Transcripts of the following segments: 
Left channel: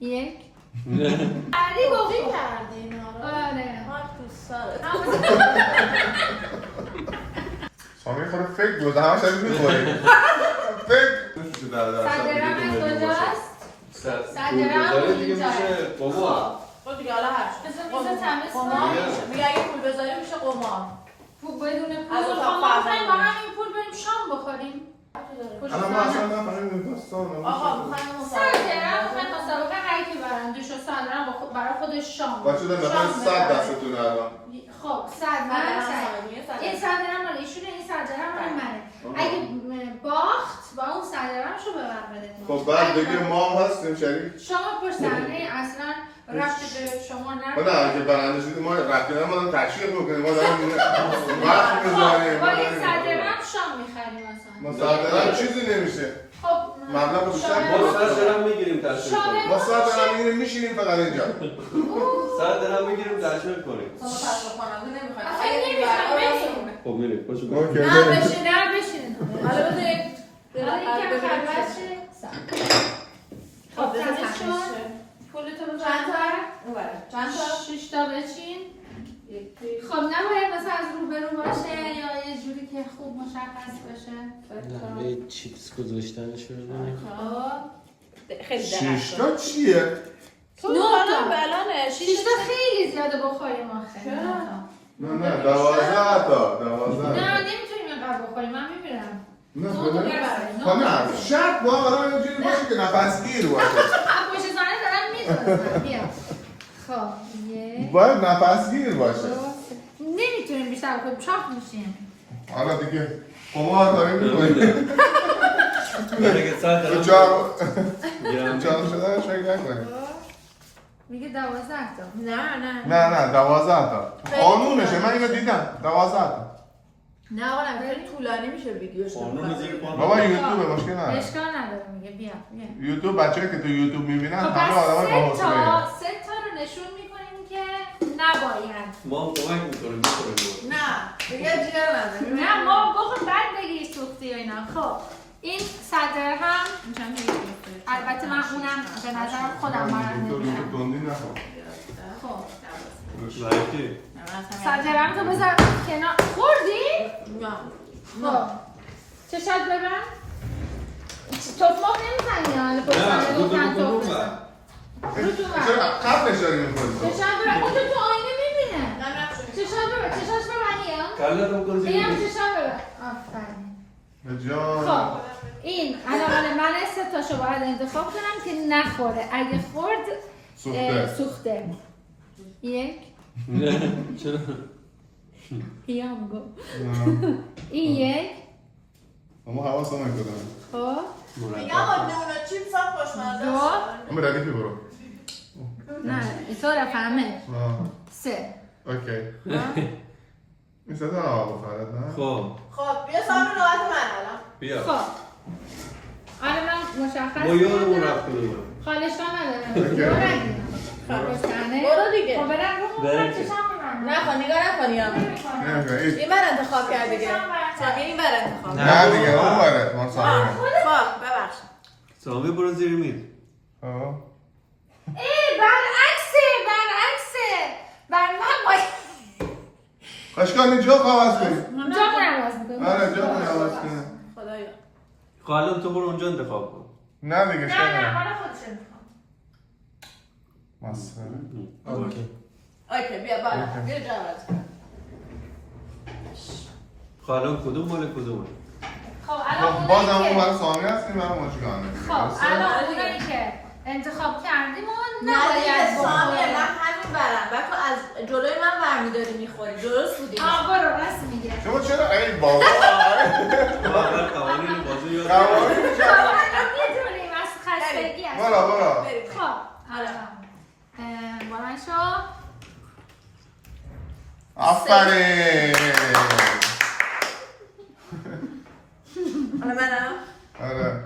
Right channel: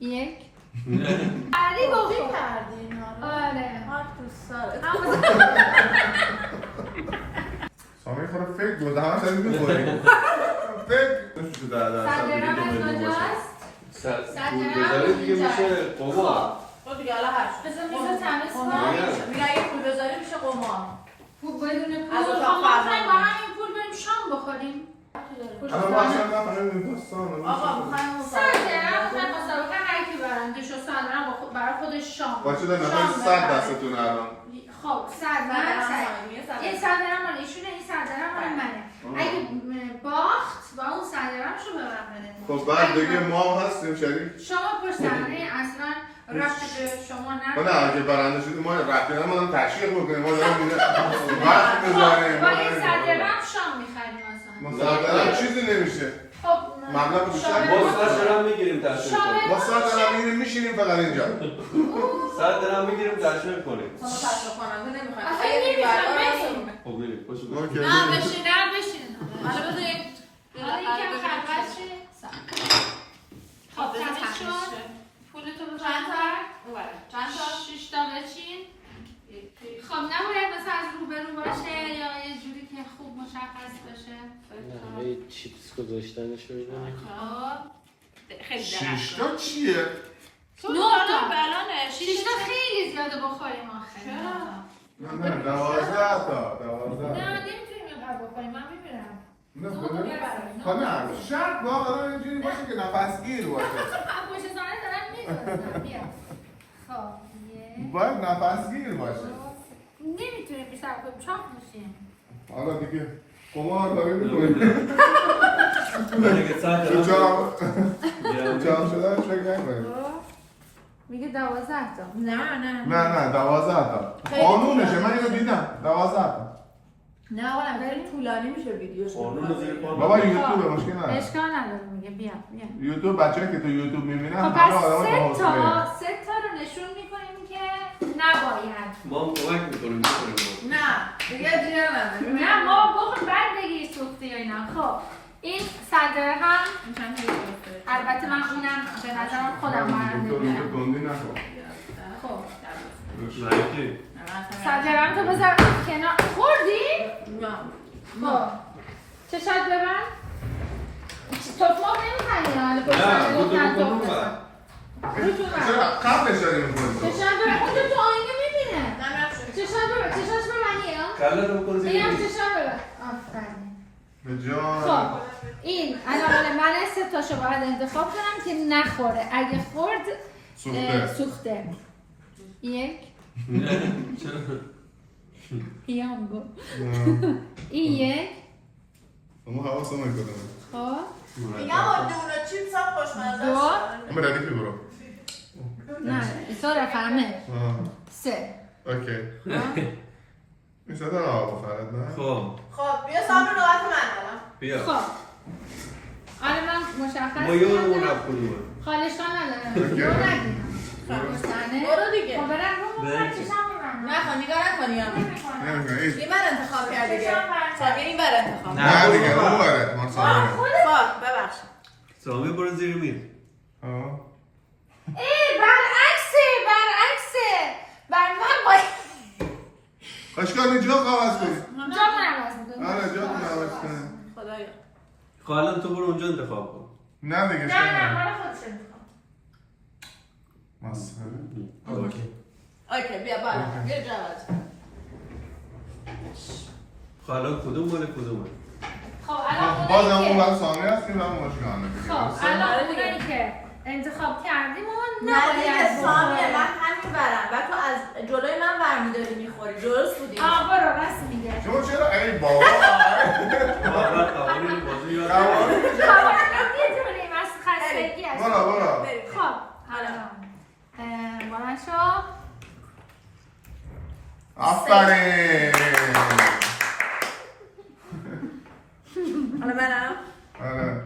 یک علی گفتی بخور کردی اینا رو. آره خاک تو سرت. سامی خورا فکر دوزه همه شدید میخوریم فکر صدرم از کجاست؟ صدرم دیگه میشه قمار. خب دیگه حالا هر چی. بذار میز تمیز قمار کن. میشه. میگه اگه پول بذاری میشه قمار. بدون پول از خب اتاق ما فرمان می‌خوایم با همین پول بریم شام بخوریم الان ما اصلا نفهمیم داستان آقا میخوایم صدرم می‌خوایم مسابقه هر کی برنده شد صدرم برای خودش شام بچه در نفر 100 دستتون الان خب این صدرم مال ایشونه این صدرم مال منه اگه باخت با اون صدرمشو به من بده خب بعد دیگه ما هم هستیم شریک شما پرسنده اصلا رفت به شما خب نه اگه برنده شدیم ما رفتی نه ما دارم تشکیل بکنیم ما دارم وقت میذاریم با این صدرم شام میخریم ما اصلا صدرم چیزی نمیشه خب مبلغ بیشتر ما سر درم میگیریم تشریف کنیم. ما صدرم میگیریم میشینیم فقط اینجا سر درم میگیریم تشریف کنیم. ما تشریف کننده نمیخوایم. آخه نمی‌خوایم. خب میریم خوش اوکی، اومد. بریم. نه بشین حالا بذاریم. حالا یکم خلوت شه خب بذار تمیز تمیز شد شه. پولتو رو چند تا؟ بردار اونوره. چند تا؟ 6 تا بچین خب نباید مثلا از روبرو باشه یا یه جوری که خوب مشخص بشه یه چیپس گذاشتنش رو ببینیم. خب خیلی شش تا چیه؟ تو نه تا. الان 6 تا خیلی زیاده بخوریم آخه چرا؟ نه 12 تا نه نمیتونیم اینقدر بخوریم من میمیرم نه نه تا بده ببریم خب نه شرط با آدم اینجوری باشه که نفس گیر باشه پشت سانه دارم میدونستم بیا خب یک باید نفس گیر باشه نمیتونیم بیشتر بخوریم چاق میشیم حالا دیگه قمار داریم میکنیم ولی که سر تو درم جام شدنش فکر نکنیم میگه 12 تا نه نه 12 تا قانونشه من اینو دیدم 12 تا نه آقا نه خیلی طولانی میشه ویدیوش. قانون زیر پا. بابا یوتیوب مشکل نداره اشکال نداره میگه بیا یوتیوب بچه‌ای که تو یوتیوب میبینن خب همه پس آدمای سه باهوشی تا رو نشون میکنیم که نباید ما هم کمک میکنیم بخوریم. نه دیگه جیگر نداره. نه ما بخور بعد بگیر سوخته یا اینا خب این صدر هم البته من اونم به نظرم خودم برنده تو میشم گندی نخور خب لایکی. صدرم تو بذار کنار خوردی؟ خب چشات ببن تخماق نمیزنی حالا پشت سر لطفاً تخم بزن رو تو بر چرا قبلش داری می‌خوری چشات ببن اون تو آینه میبینه چشات ببن چشاش ببن یا کله رو بکن زیر اینم میز. چشات ببن آفرین به جان خب این الان مال من 3 تاشو باید انتخاب کنم که نخوره اگه خورد سوخته یک نه چرا؟ پیام گو این یک ما حواسم نکنم خب میگم آدمونا چیپس هم خوشمزه دو اما ردیفی برو نه اینطور همه 3 اوکی این صدا آقا فرد نه خب خب بیا سامن نوبت من الان. بیا. خب آره من مشخص ما یادمون کردم. رفتیم. خالشان ندارم دو ندیم پشتنه برو دیگه. خب برم رو بریم. چشم ببرم نه خب نگاه نکنی یا این من انتخاب کرد دیگه. سامی این بر انتخاب. نه دیگه اون بره ما سامن خب ببخشید. سامی برو زیر میز. ای برعکسه بر من باید اشکال جا عوض کنی جا عوض میکنم آره جا عوض کنی خدایا. خاله تو برو اونجا انتخاب کن. نه دیگه نه مال خودشه میخوام مسخره اوکی بیا بالا. بیا جا عوض کن. خاله کدوم مال کدوم؟ خب الان باز هم اونایی اون که برای سامی هستیم من مشکل خب الان اونایی که انتخاب کردیم و نه نباید دیگه سامی بخوریم. من همین برم و تو از جلوی من برمیداری میخوری. درست بودی. برو راست میگه شما چرا ای بابا خاله قوانین بازی یاد قوانین الان میدونیم از خستگی است برو بریم. خب حالا. بلند شو آفرین حالا منم. آره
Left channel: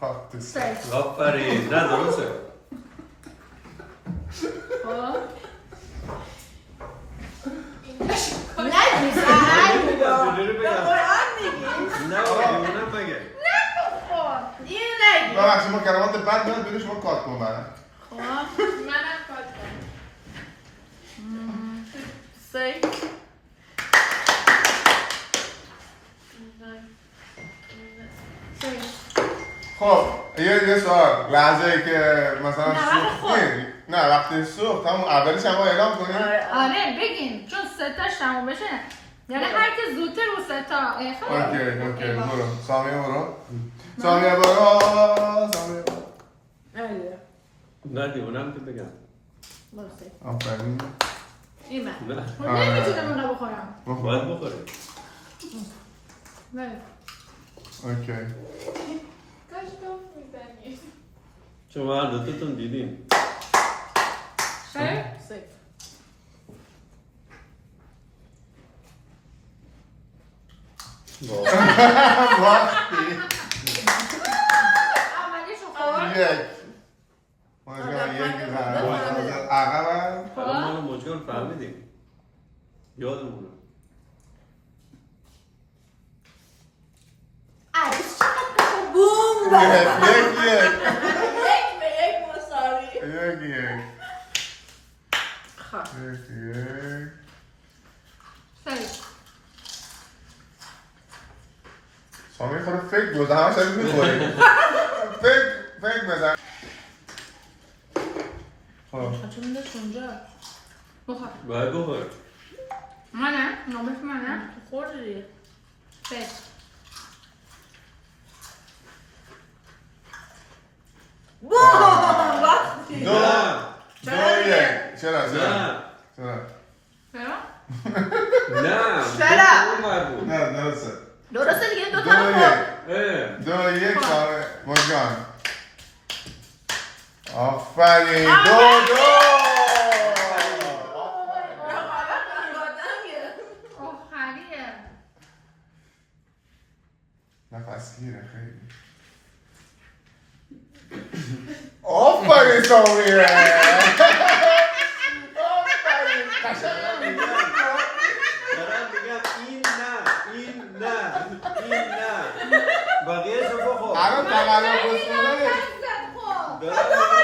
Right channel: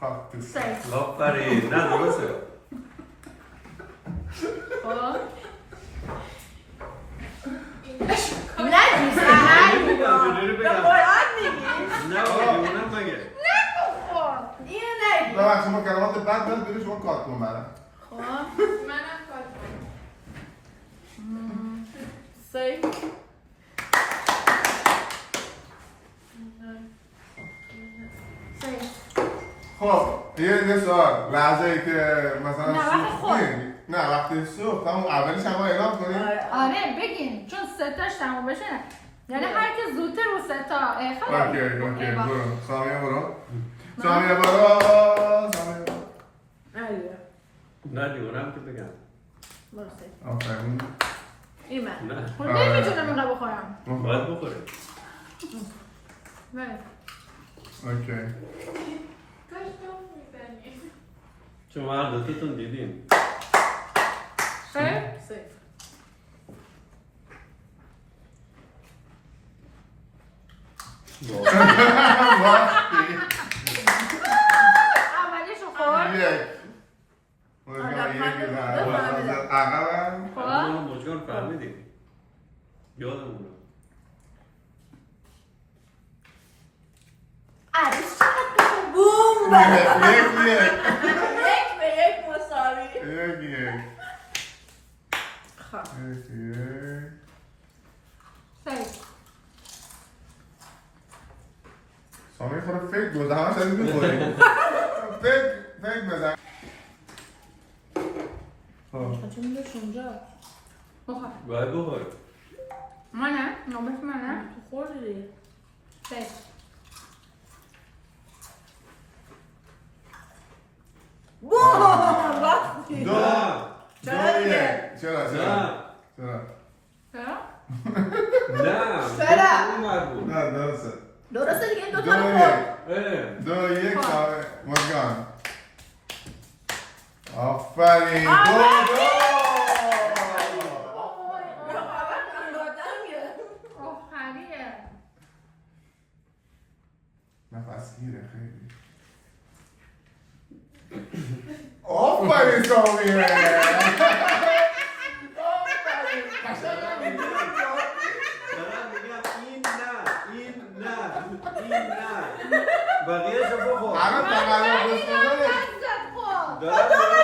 خب تو سیف آفرین. نه درسته. خب نگی سهر چجوری به بگم؟ قرآن میگی نه نه مگه. اینو نگی ببخشید ما کلمات بد بدم بیرون شما کات کن برم خب منم کات کنم. سی. خب یه سوال لحظه ای که مثلا نه، وقتی خود. نه وقتی سوخت همون اولش هم اعلام کنیم آره بگین چون 3 تاش تموم بشه یعنی هر کی زودتر رو 3 تا اوکی برو سامیه برو سامیه برو آره. نه دیوانم که بگم. برو سی. آفرین این من. نه خب نمیتونم اینقدر بخورم باید بخوره. بله اوکی کاش گفت میزنی. چون ما دوتاتون دیدیم. خیلی؟ سی. اولیشو خورد یک مجگان یک بزن عقبم ما مجگان فهمیدیم. یادمونه. عروس چقدر بوم یک یک به یک مساوی. یک خب. خیلی سامی خورا فکر دوزه همه شدید میخوری فکر بزن چون میدهش اونجا بخور باید بخور. منه؟ نوبت منه؟ خوردی. خیلی بوم وقتی. دو یک چرا نه. چرا؟ نه. چرا؟ اون مربوط. نه درسته درسته دیگه این دو دوتا رو یک خورد. دو یک سامی مجگان آفرین دو آخریه نفس گیره خیلی آفرین سامیه دارم میگم این نه. بقیه رو بخور. الان تقلب بسکنه دارم میگم.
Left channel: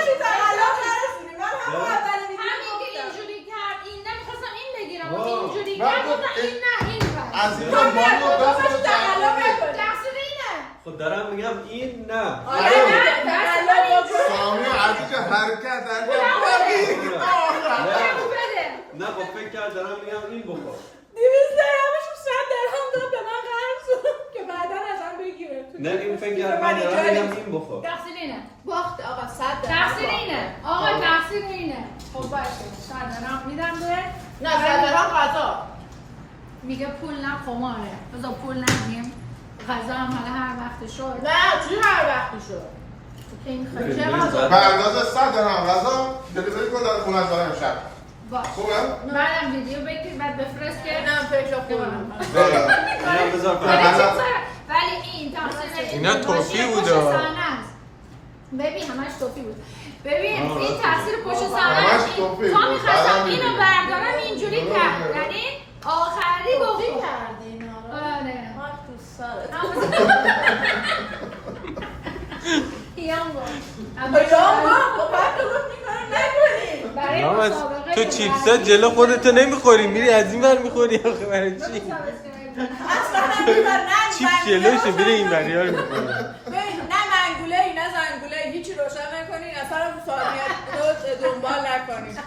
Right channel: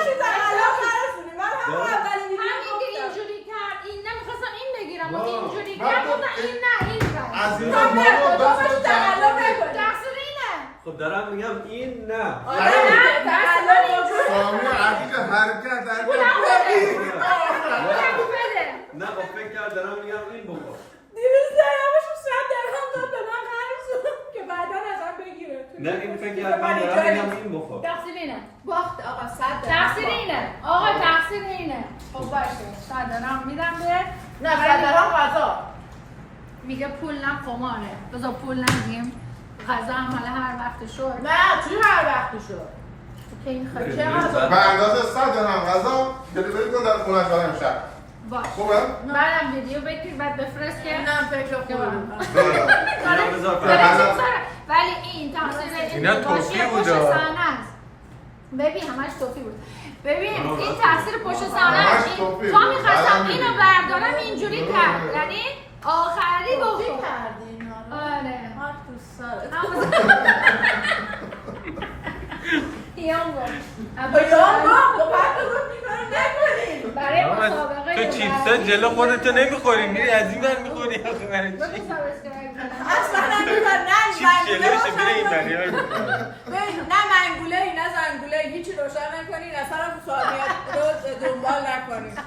همین که اینجوری کرد این نمیخواستم این بگیرم و اینجوری کرد گفتم این نه این بر از این مانو دست تقصیر اینه خب دارم میگم این نه. سامی عزیز حرکت بگو بده نه خب فکر کرد دارم میگم این بخور. 200 درهمشو 100 درهم داد به من قرض شد که بعدا ازم بگیره. نه این فکر کرد من دارم میگم این بخور. تقصیر اینه باخت آقا 100 درهم. تقصیر اینه آقا تقصیر اینه خب باشه صدرم میدم به نه 100 درهم غذا. میگه پول نه قماره بذار پول نگیم غذا هم حالا هر وقت شد نه چی هر وقتی شد. که این خیلی که غذا. به اندازه 100 درهم غذا دلیوری کن در خونه دارم امشب باش خوبه؟ بعدم ویدیو بگیر بعد بفرست که نه فکر کنم. ولی این تقصیر اینا این توفی پشت بودا. صحنه است ببین همش توفی بود ببین این تقصیر پشت صحنه همش است توفی تا بود. میخواستم بعدم اینو می‌دونی. بردارم اینجوری کرد یعنی آخری توفی بخور کردی اینا رو. آره خاک تو سرت. یام با خب بعد تو گفت این کارو نکنی. برای محمد، مسابقه تو چیپسا جلو خودتو نمیخوری میری از این ور میخوری آخه برای چی؟ اصلا نمی‌کنم. نه چیپ زنگوله جلوشه روشن میره این نکنی. ور میخوری ببین نه منگوله ای نه زنگوله ای هیچی روشن نکنین اصلا رو ثانیه رو دنبال نکنین.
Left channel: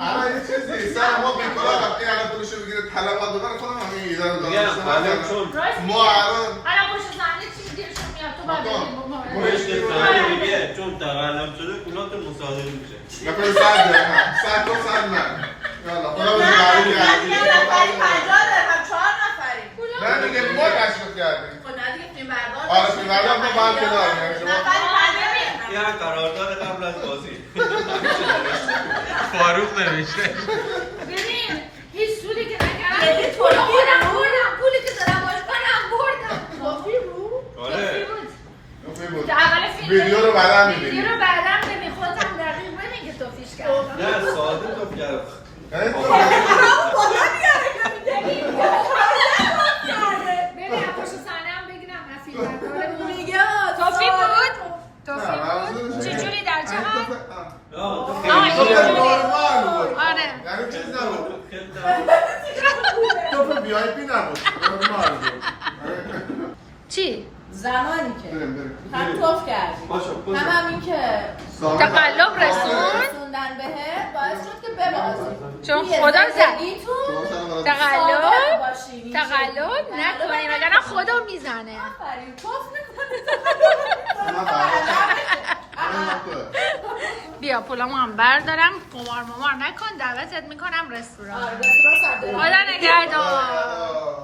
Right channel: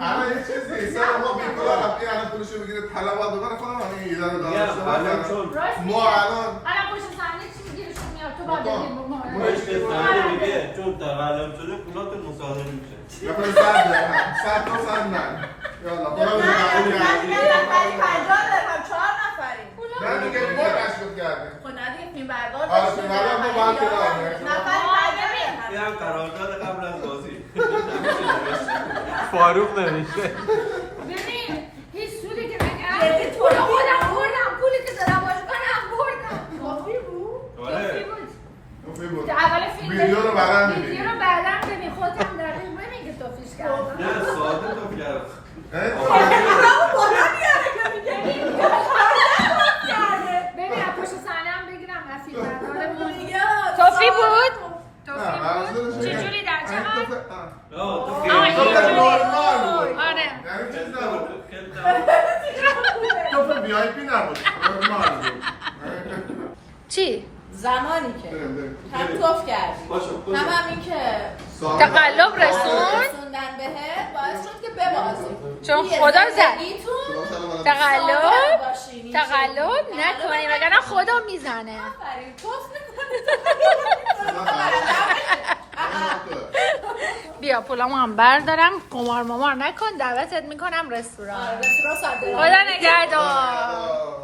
الان یه چیزی سر ما بیکار آقا این الان پولشو بگیره طلبات بکنه خودم همین ایده رو میگم الان چون ما الان الان پشت صحنه چی دیرشون میاد تو باید بگی پشت صحنه میگه چون تقلب شده پولات مصادره میشه. مثلا 100 درهم 100 تا 100 نه یالا خدا بده نه قبول یه نفری 50 درهم 4 نفریم. نه دیگه ما تشکیل کردیم خب نه دیگه فیلم بردار. آره فیلم بردار ما باید کناریم. نفری 50 این هم قرارداد قبل از بازی. فاروق نمیشه ببین هیچ سودی که نکردم پول خودم بردم پولی که دارم باش منم بردم کافی بود. کافی آره. بود خوبی بود. اول فیلم ویدیو رو بعداً می‌بینی. ویدیو رو بعداً ببین خودت هم دقیق ببین که توفیش کردم نه ساده تو گرفت. بالا میاره که میگه ببین از پشت مسیربردارمون میگه توفی بود؟ چجوری در چه حال؟ آره یعنی چیز نبود تو بی آی پی نبود چی؟ زمانی که بریم. هم توف کردی هم این که تقلب رسون رسوندن بهت باعث شد که ببازی چون توی خدا زد زندگیتون تقلب صادق باشین. تقلب نکنیم وگرنه خدا میزنه آفرین توف بیا پولامو هم بردارم قمار ممار نکن دعوتت میکنم رستوران رستوران صادق خدا نگهدار